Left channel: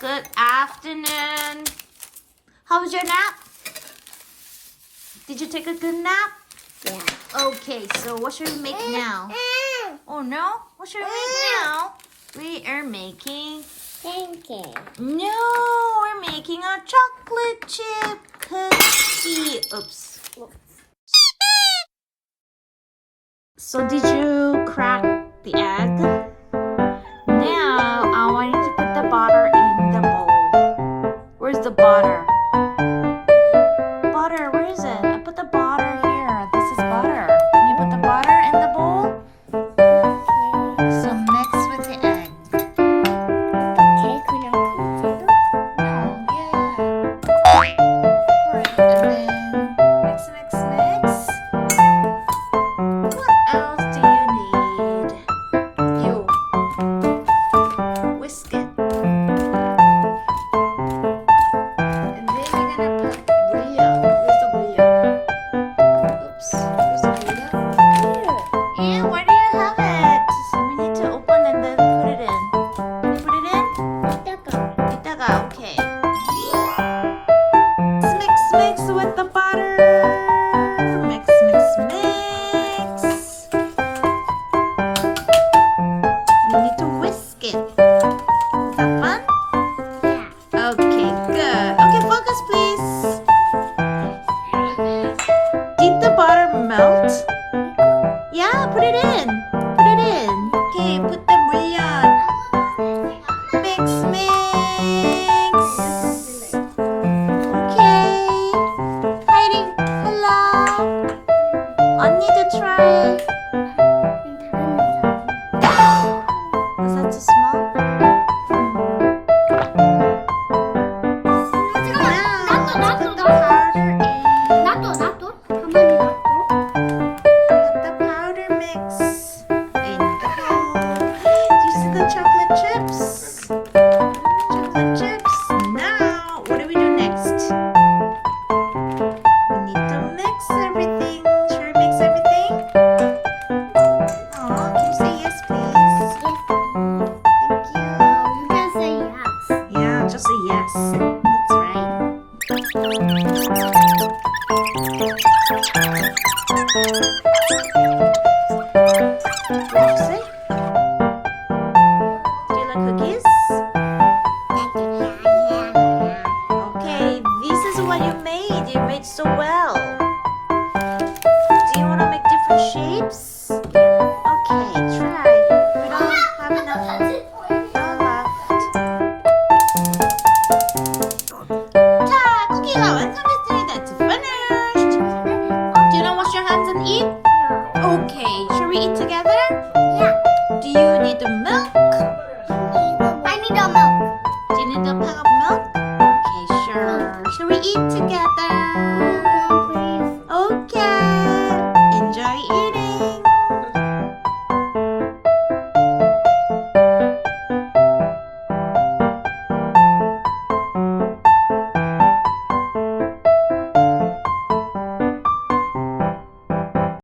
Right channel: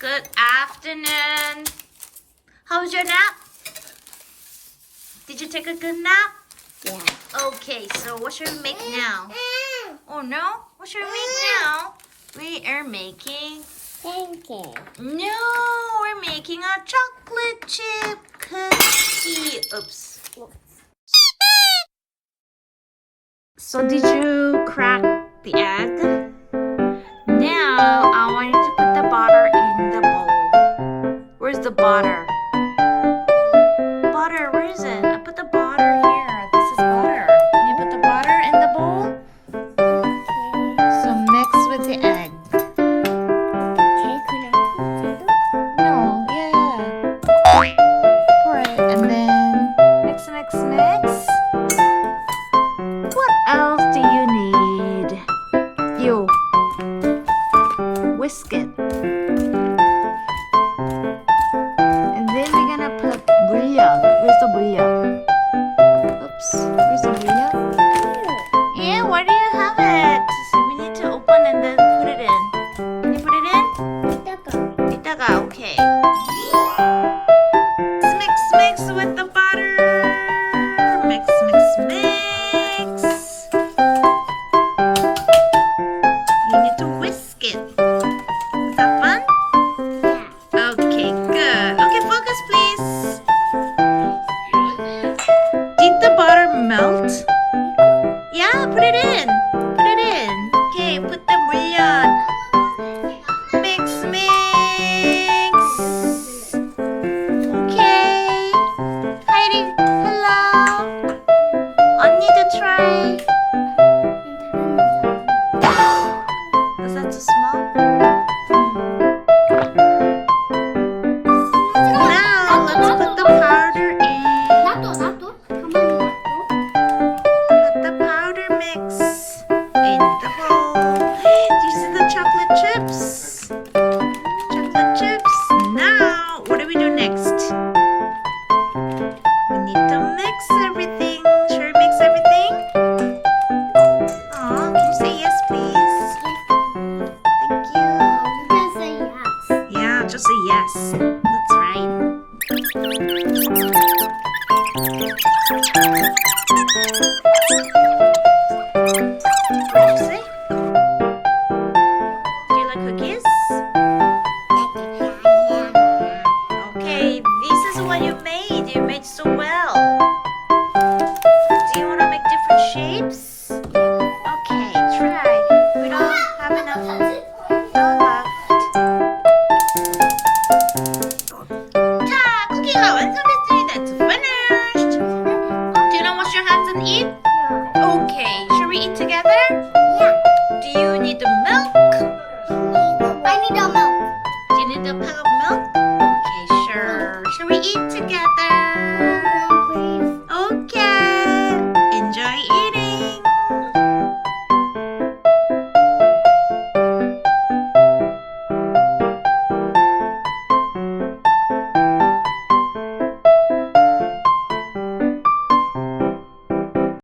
Good afternoon. How was your nap? Did you take a good nap? Yeah. Okay, so what should we make now? Oh no? What should we make now? We are making. Pancake. No, we're making a chocolate chip cookie. Oops. So, did you crack the egg? Now, I want you to the butter? 이따가. 이따가 okay. Mix mix with the butter. Mix mix mix. You need to whisk it. Is that fun? Yeah. Okay, good. Okay, focus please. Did the butter melt? Yeah, put it in. Is just say yes. That's right. eat? Yeah. Okay, should we eat together? Yeah. Do you need the milk? I need the milk. Do you need a pot of milk? Okay, sure. Should we eat together? Please. Okay.